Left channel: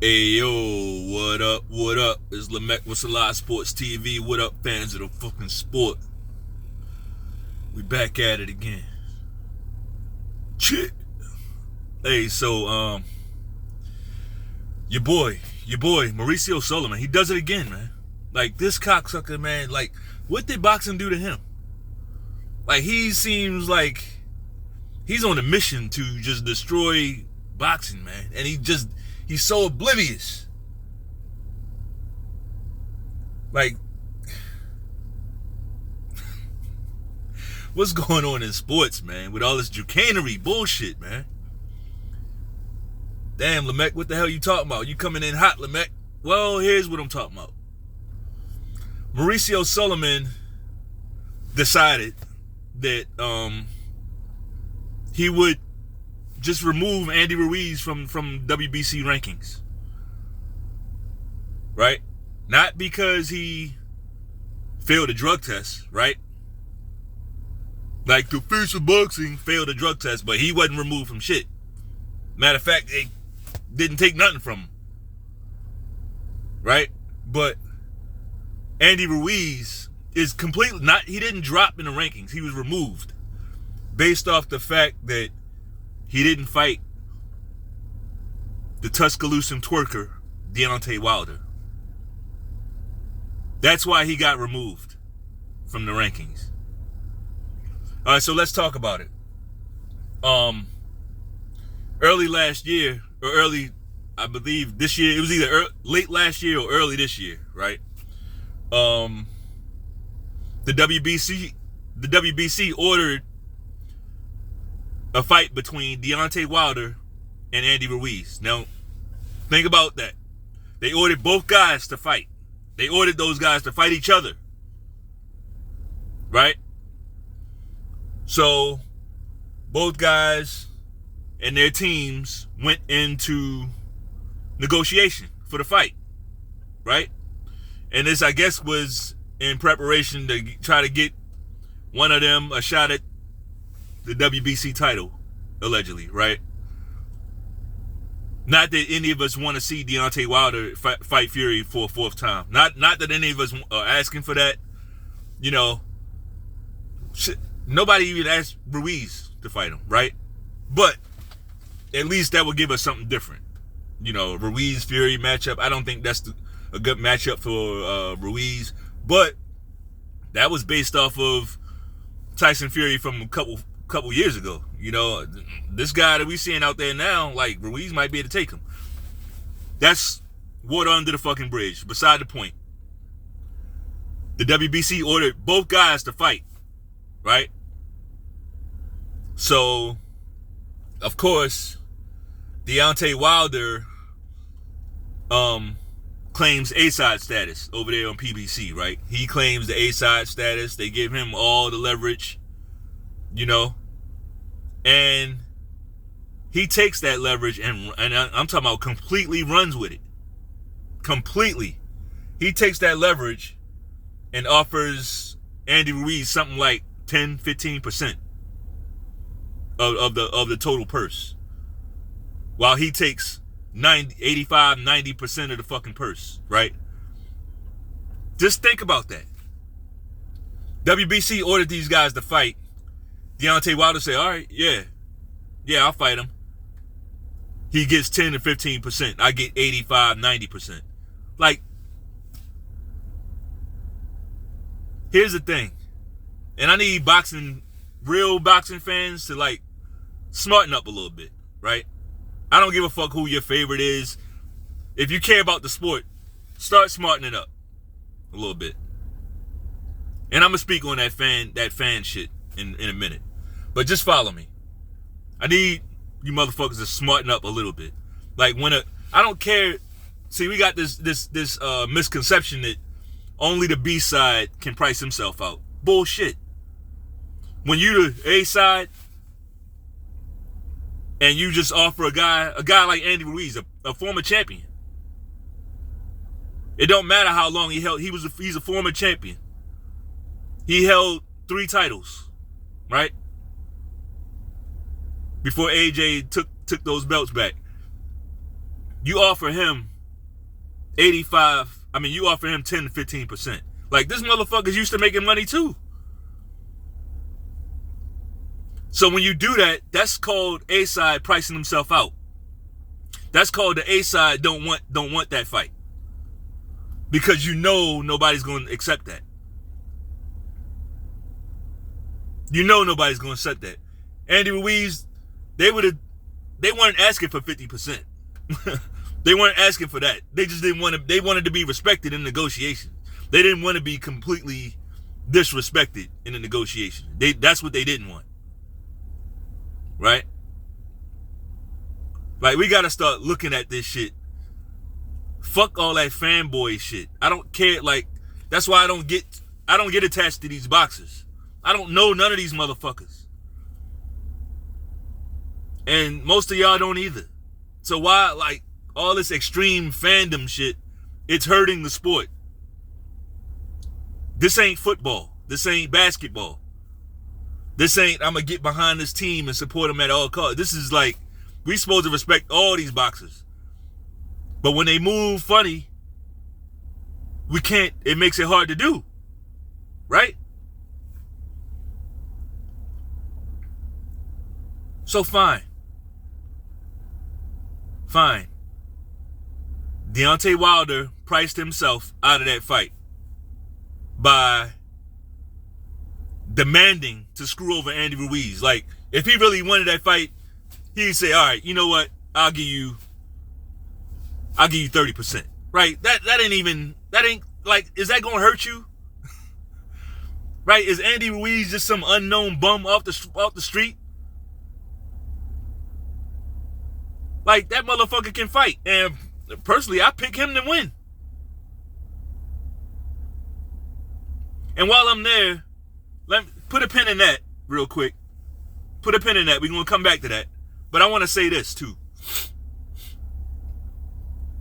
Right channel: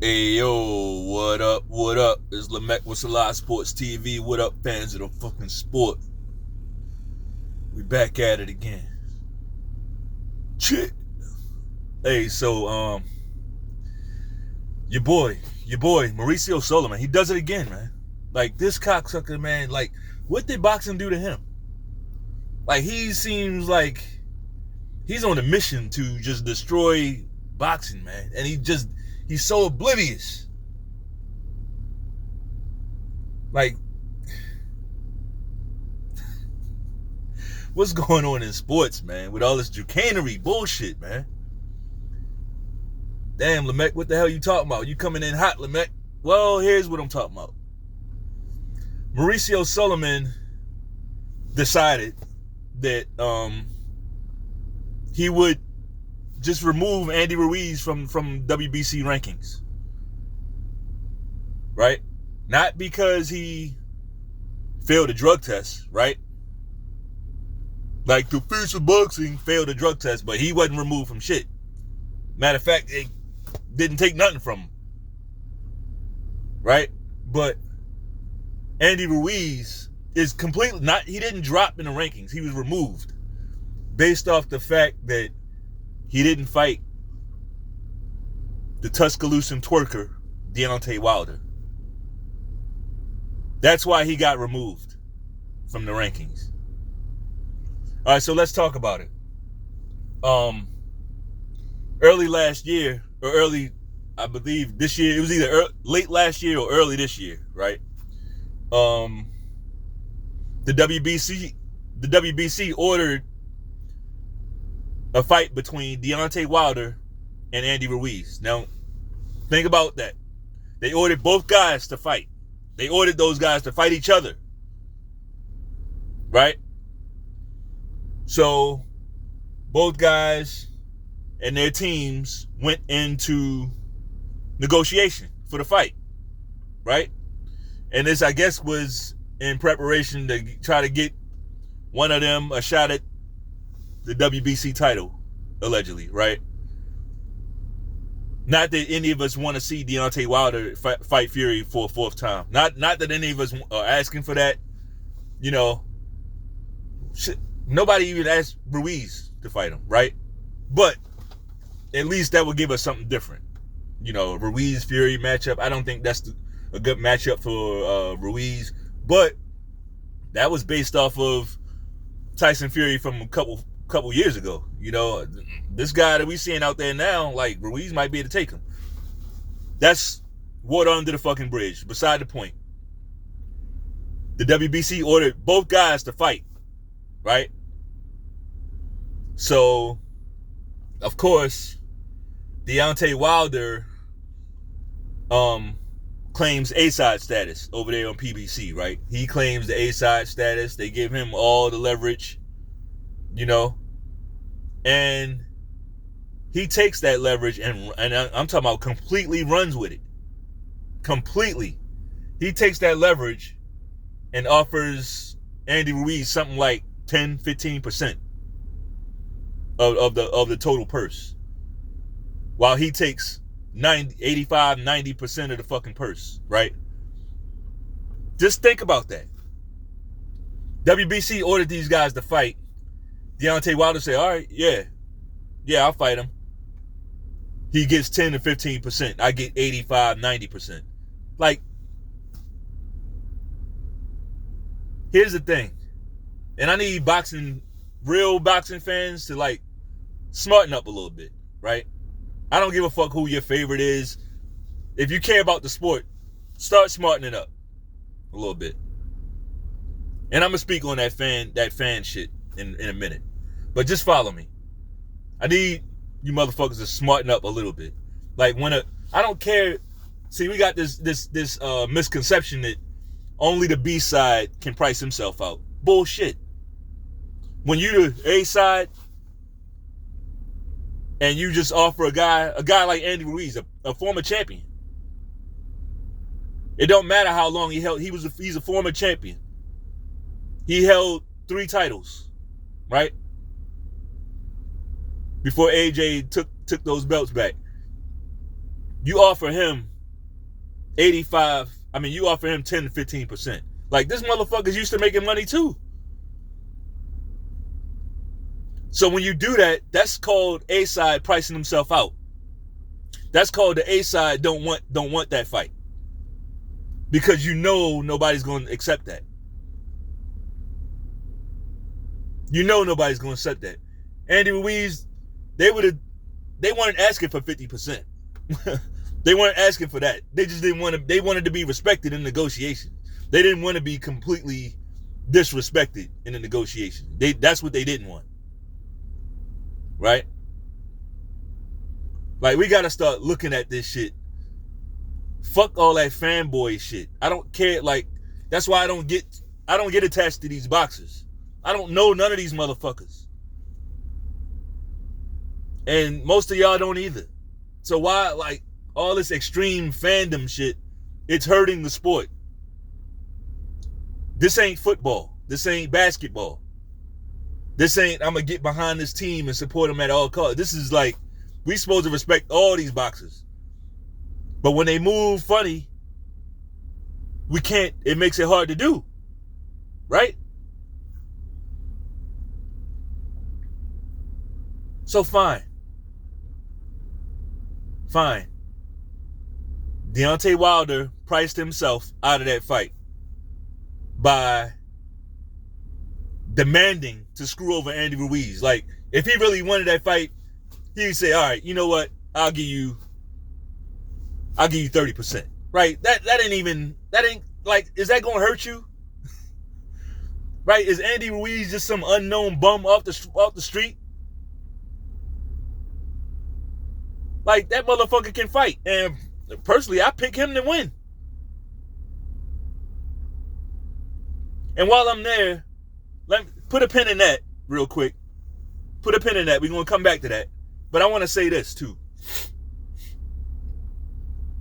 Hey yo, what up? What up? It's Lamech with Selah Sports TV. What up, fans of the fucking sport? We back at it again. Shit. Hey, so your boy, Mauricio Sulaiman, he does it again, man. Like this cocksucker, man. Like, what did boxing do to him? Like, he seems like he's on a mission to just destroy boxing, man. And he's so oblivious. Like, what's going on in sports, man? With all this chicanery bullshit, man. Damn, Lamech, what the hell you talking about? You coming in hot, Lamech? Well, here's what I'm talking about. Mauricio Sulaiman decided that he would just remove Andy Ruiz from WBC rankings. Right? Not because he failed a drug test, right? Like the face of boxing failed a drug test, but he wasn't removed from shit. Matter of fact, they didn't take nothing from him. Right? But Andy Ruiz is completely not, he didn't drop in the rankings. He was removed based off the fact that he didn't fight the Tuscaloosa twerker, Deontay Wilder. That's why he got removed from the rankings. All right, so let's talk about it. Early last year, or early, I believe this year, it was either late last year or early this year, right? The WBC ordered a fight between Deontay Wilder and Andy Ruiz. Now, think about that. They ordered both guys to fight. They ordered those guys to fight each other. Right? So, both guys and their teams went into negotiation for the fight. Right? And this, I guess, was in preparation to try to get one of them a shot at the WBC title, allegedly, right? Not that any of us want to see Deontay Wilder fight Fury for a fourth time. Not that any of us are asking for that. You know, nobody even asked Ruiz to fight him, right? But at least that would give us something different. You know, Ruiz Fury matchup. I don't think that's a good matchup for Ruiz, but that was based off of Tyson Fury from a couple years ago. You know, this guy that we seeing out there now, like Ruiz might be able to take him. That's water under the fucking bridge. Beside the point. The WBC ordered both guys to fight, right? So, of course, Deontay Wilder claims A-side status over there on PBC, right? He claims the A-side status. They give him all the leverage, you know, and he takes that leverage and I'm talking about completely runs with it. Completely. He takes that leverage and offers Andy Ruiz something like 10-15% of the total purse, while he takes 85-90% of the fucking purse, right? Just think about that. WBC ordered these guys to fight. Deontay Wilder said, all right, yeah, I'll fight him. He gets 10 to 15%. I get 85-90%. Like, here's the thing. And I need real boxing fans to, like, smarten up a little bit, right? I don't give a fuck who your favorite is. If you care about the sport, start smartening up a little bit. And I'm gonna speak on that fan shit in a minute. But just follow me. I need you motherfuckers to smarten up a little bit. Like I don't care. See, we got this misconception that only the B side can price himself out. Bullshit. When you the A side, and you just offer a guy like Andy Ruiz, a former champion. It don't matter how long he held. He's a former champion. He held 3 titles, right? Before AJ took those belts back. you offer him 85, you offer him 10 to 15%. Like, this motherfucker's used to making money too. So when you do that, that's called A-side pricing himself out. That's called the A-side don't want that fight. Because you know nobody's going to accept that. You know nobody's going to accept that. Andy Ruiz, they weren't asking for 50%. They weren't asking for that. They just didn't want to, they wanted to be respected in negotiations. They didn't want to be completely disrespected in the negotiation. That's what they didn't want. Right? Like, we got to start looking at this shit. Fuck all that fanboy shit. I don't care. Like, that's why I don't get attached to these boxers. I don't know none of these motherfuckers. And most of y'all don't either. So why, like, all this extreme fandom shit, it's hurting the sport. This ain't football. This ain't basketball. This ain't, I'm going to get behind this team and support them at all costs. This is like, we supposed to respect all these boxers. But when they move funny, we can't, it makes it hard to do. Right? So fine. Fine. Deontay Wilder priced himself out of that fight by demanding to screw over Andy Ruiz. Like, if he really wanted that fight, he'd say, all right, you know what? I'll give you 30%. Right? That ain't like, is that gonna hurt you? Right? Is Andy Ruiz just some unknown bum off the street? Like, that motherfucker can fight. And personally, I pick him to win. And while I'm there, let me put a pin in that real quick. Put a pin in that. We're going to come back to that. But I want to say this, too.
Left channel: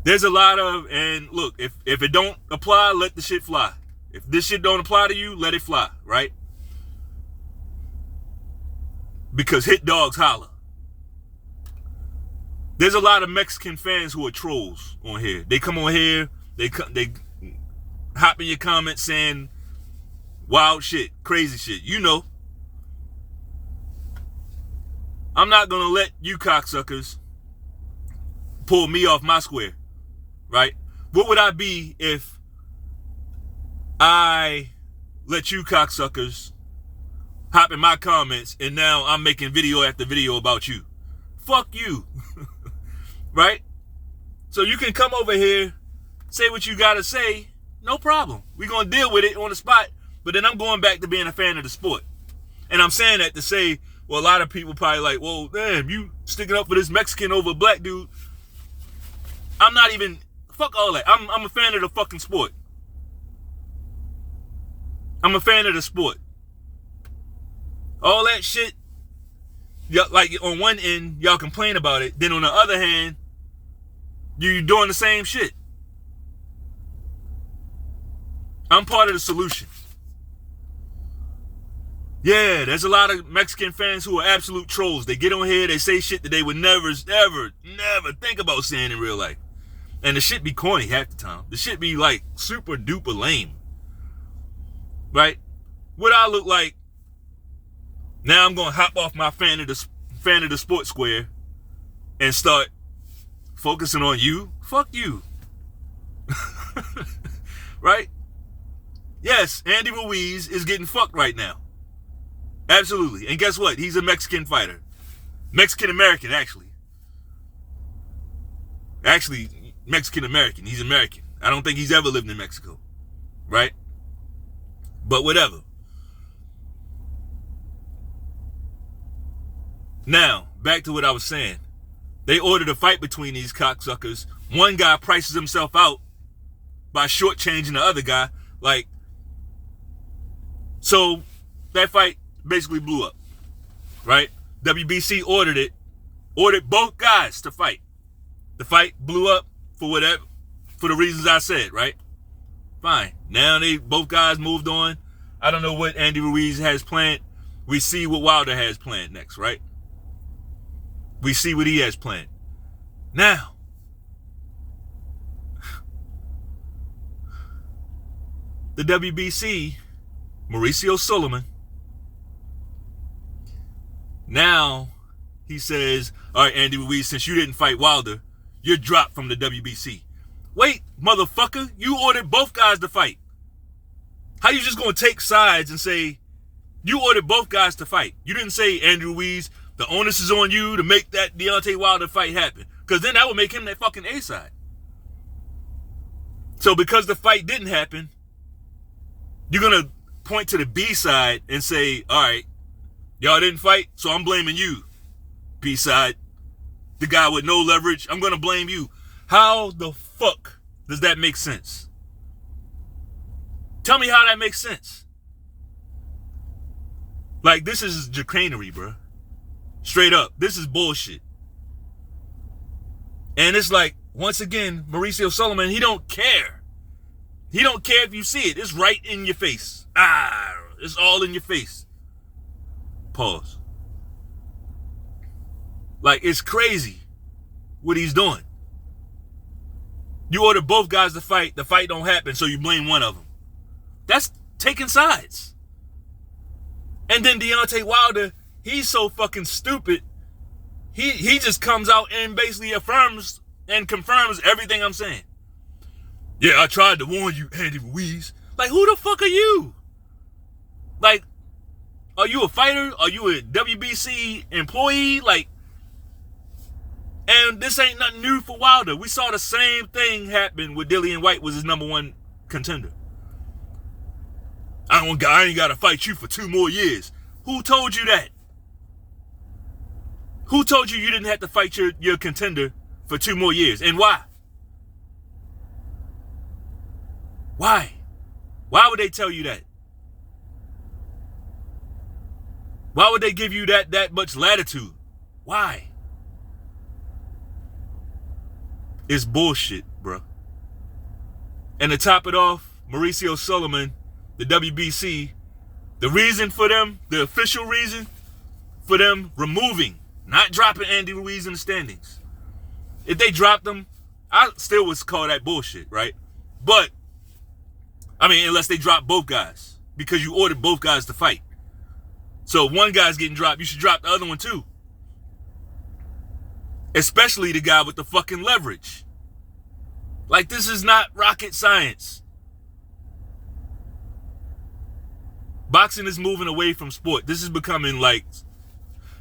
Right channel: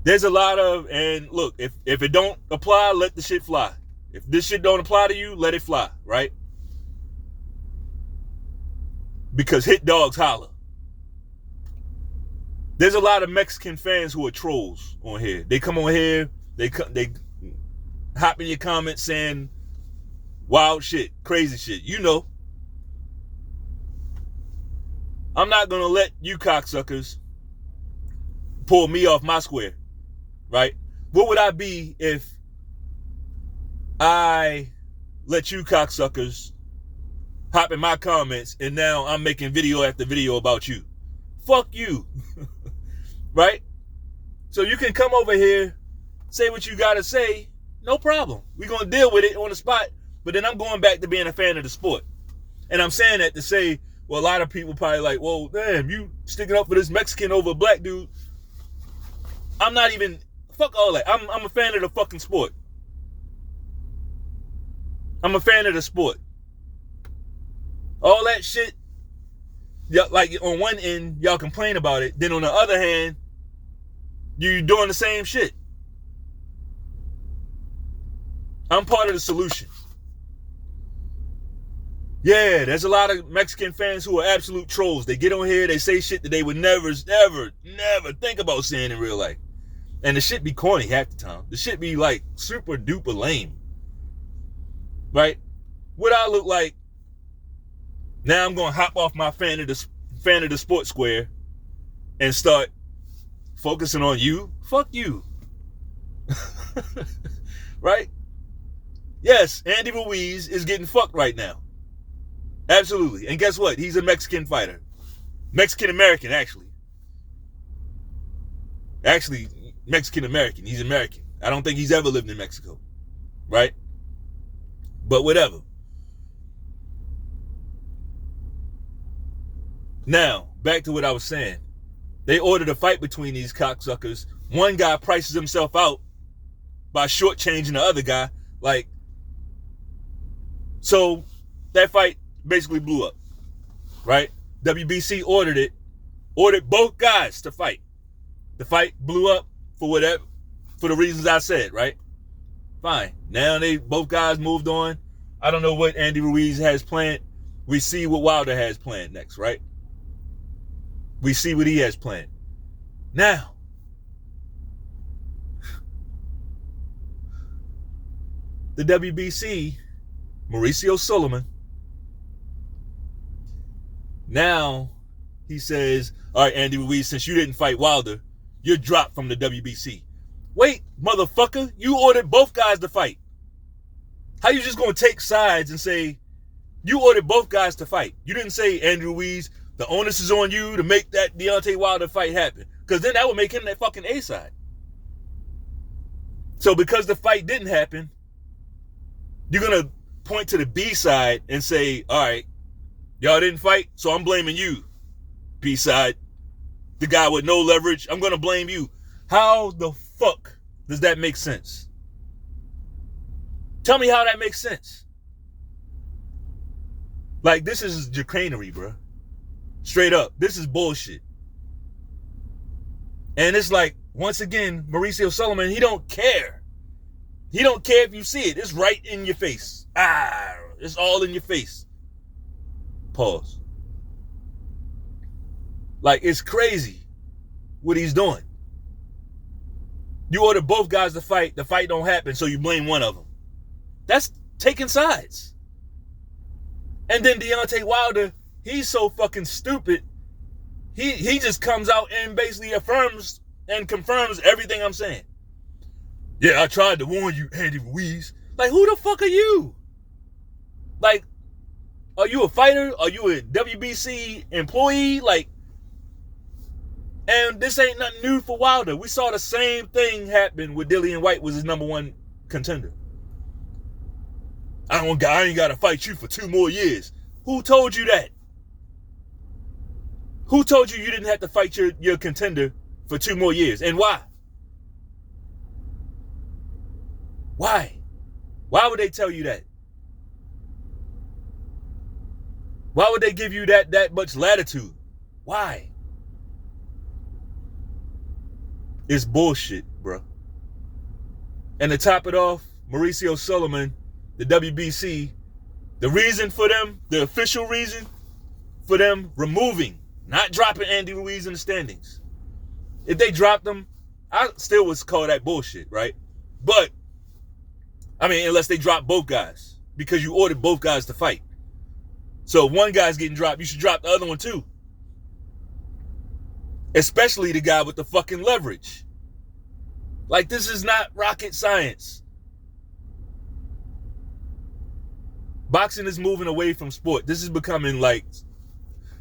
There's a lot of, and look, if it don't apply, let the shit fly. If this shit don't apply to you, let it fly, right? Because hit dogs holler. There's a lot of Mexican fans who are trolls on here. They come on here, they hop in your comments saying wild shit, crazy shit. You know. I'm not going to let you cocksuckers pull me off my square, right? What would I be if I let you cocksuckers hop in my comments and now I'm making video after video about you? Fuck you. Right? So you can come over here, say what you gotta say, no problem. We're gonna deal with it on the spot, but then I'm going back to being a fan of the sport. And I'm saying that to say, well, a lot of people probably like, well, damn, you sticking up for this Mexican over a black dude. I'm not even, fuck all that. I'm a fan of the fucking sport. I'm a fan of the sport. All that shit, like on one end, y'all complain about it. Then on the other hand, you're doing the same shit. I'm part of the solution. Yeah, there's a lot of Mexican fans who are absolute trolls. They get on here, they say shit that they would never, ever, never think about saying in real life. And the shit be corny half the time. The shit be like super duper lame. Right? What I look like, now I'm going to hop off my fan of the sports square and start focusing on you. Fuck you. Right? Yes, Andy Ruiz is getting fucked right now. Absolutely. And guess what? He's a Mexican fighter. Mexican-American, actually. Actually, Mexican-American. He's American. I don't think he's ever lived in Mexico. Right? But whatever. Now, back to what I was saying. They ordered a fight between these cocksuckers. One guy prices himself out by shortchanging the other guy. Like, so that fight basically blew up, right? WBC ordered both guys to fight. The fight blew up for the reasons I said, right? Fine. Now both guys moved on. I don't know what Andy Ruiz has planned. We see what Wilder has planned next, right? We see what he has planned. Now, the WBC, Mauricio Sulaiman, now he says, all right, Andy Ruiz, since you didn't fight Wilder, you're dropped from the WBC. Wait, motherfucker, you ordered both guys to fight. How you just gonna take sides and say, you ordered both guys to fight? You didn't say, Andrew Ruiz, the onus is on you to make that Deontay Wilder fight happen. Because then that would make him that fucking A side. So because the fight didn't happen, you're going to point to the B side and say, all right, y'all didn't fight, so I'm blaming you, B side. The guy with no leverage, I'm going to blame you. How the fuck does that make sense? Tell me how that makes sense. Like, this is chicanery, bro. Straight up. This is bullshit. And it's like, once again, Mauricio Sulaiman, he don't care. He don't care if you see it. It's right in your face. It's all in your face. Pause. Like, it's crazy what he's doing. You order both guys to fight, the fight don't happen, so you blame one of them. That's taking sides. And then Deontay Wilder, he's so fucking stupid. He just comes out and basically affirms and confirms everything I'm saying. Yeah, I tried to warn you, Andy Ruiz. Like, who the fuck are you? Like, are you a fighter? Are you a WBC employee? Like, and this ain't nothing new for Wilder. We saw the same thing happen with Dillian White was his #1 contender. I ain't got to fight you for 2 more years. Who told you that? Who told you didn't have to fight your contender for 2 more years? And why? Why? Why would they tell you that? Why would they give you that much latitude? Why? It's bullshit, bro. And to top it off, Mauricio Sulaiman, the WBC, the reason for them, the official reason for them removing, not dropping Andy Ruiz in the standings. If they dropped him, I still would call that bullshit, right? But, I mean, unless they drop both guys, because you ordered both guys to fight. So if one guy's getting dropped, you should drop the other one too. Especially the guy with the fucking leverage. Like, this is not rocket science. Boxing is moving away from sport. This is becoming like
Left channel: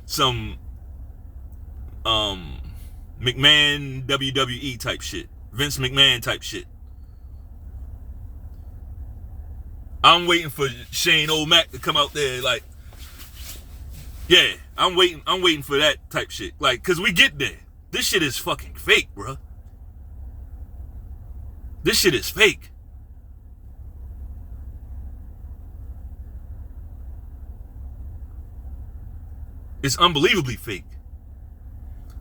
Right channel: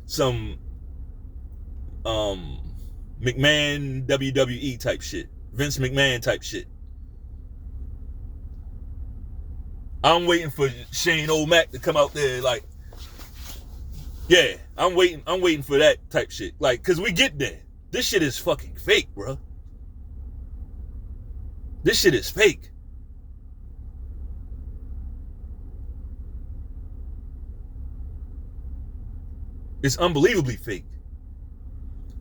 some McMahon WWE type shit. Vince McMahon type shit. I'm waiting for Shane O'Mac to come out there like, yeah, I'm waiting for that type shit. Like, cause we get there. This shit is fucking fake, bro. This shit is fake. It's unbelievably fake.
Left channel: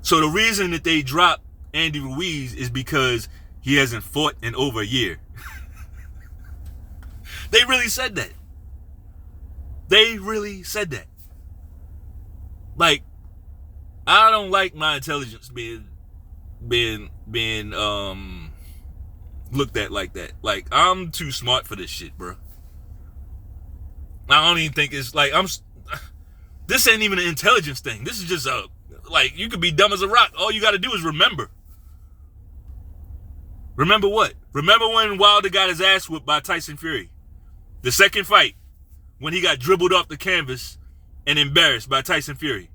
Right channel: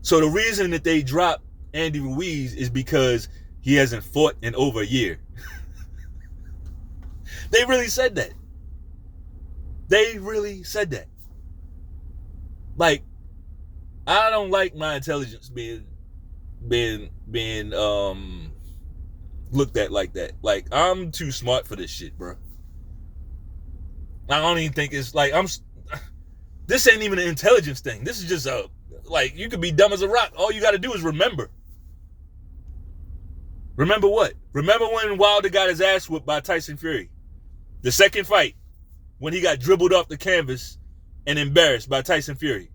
So the reason that they dropped Andy Ruiz is because he hasn't fought in over a year. They really said that. They really said that. Like, I don't like my intelligence being looked at like that. Like, I'm too smart for this shit, bro. I don't even think it's like this ain't even an intelligence thing. This is just like, you could be dumb as a rock. All you got to do is remember. Remember what? Remember when Wilder got his ass whipped by Tyson Fury? The second fight, when he got dribbled off the canvas and embarrassed by Tyson Fury.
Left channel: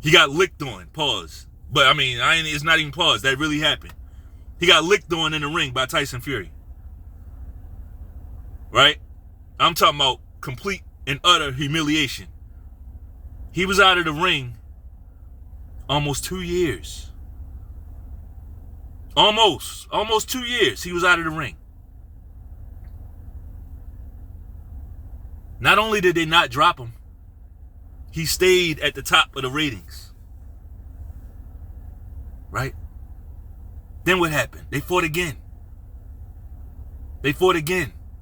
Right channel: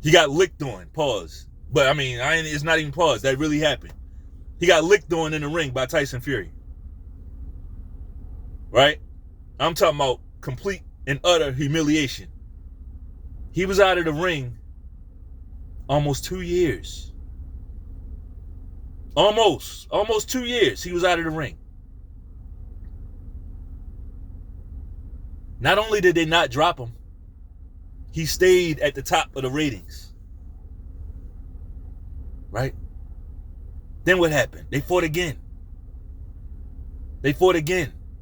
He got licked on, pause. But I mean, it's not even pause. That really happened. He got licked on in the ring by Tyson Fury. Right? I'm talking about complete and utter humiliation. He was out of the ring almost 2 years. Almost 2 years he was out of the ring. Not only did they not drop him, he stayed at the top of the ratings. Right? Then what happened? They fought again.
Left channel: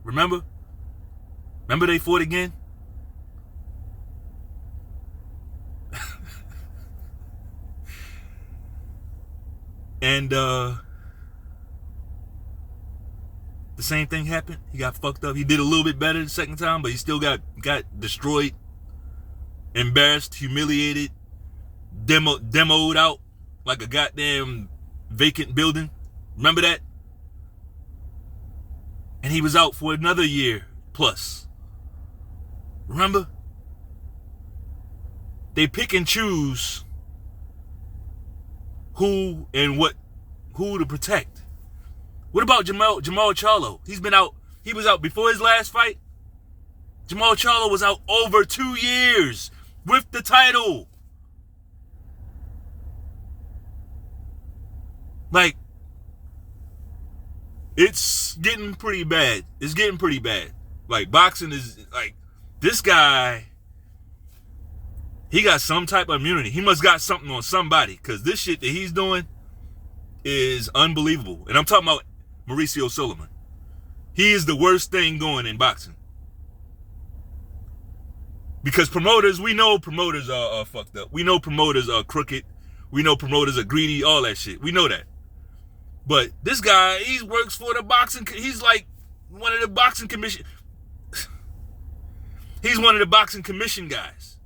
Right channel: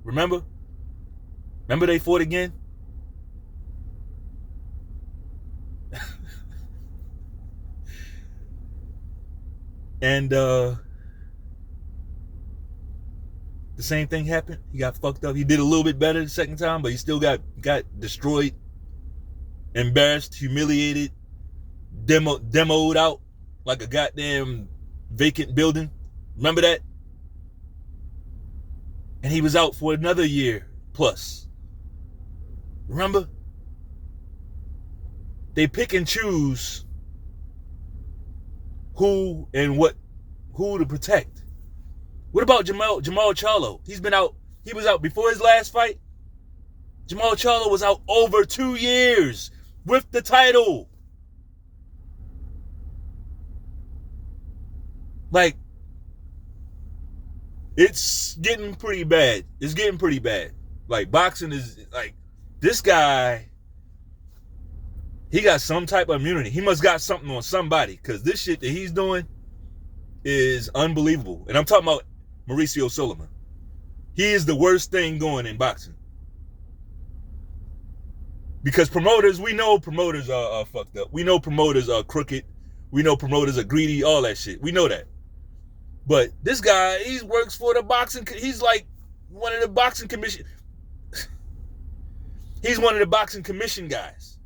Remember? Remember they fought again? And the same thing happened. He got fucked up. He did a little bit better the second time, but he still got destroyed, embarrassed, humiliated, demoed out like a goddamn vacant building. Remember that? And he was out for another year plus. Remember? They pick and choose who to protect. What about Jamal Charlo? He was out before his last fight. Jamal Charlo was out over 2 years with the title. Like, it's getting pretty bad. It's getting pretty bad. Like, boxing is, like, this guy, he got some type of immunity. He must got something on somebody, because this shit that he's doing is unbelievable. And I'm talking about Mauricio Sulaiman. He is the worst thing going in boxing. Because promoters, we know promoters are fucked up. We know promoters are crooked. We know promoters are greedy, all that shit. We know that. But this guy, he works for the boxing, he's like one of the boxing commission. He's one of the boxing commission guys.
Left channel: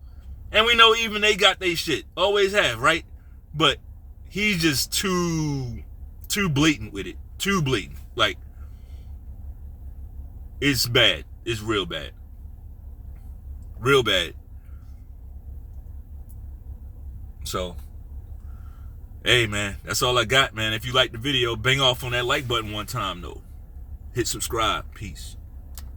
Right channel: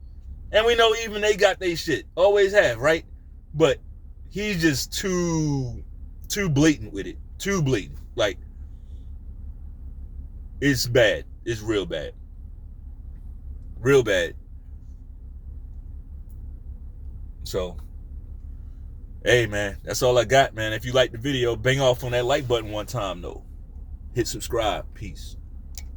And we know even they got their shit. Always have, right? But he's just too blatant with it. Too blatant. Like, it's bad. It's real bad. Real bad. So, hey, man, that's all I got, man. If you liked the video, bang off on that like button one time, though. Hit subscribe. Peace.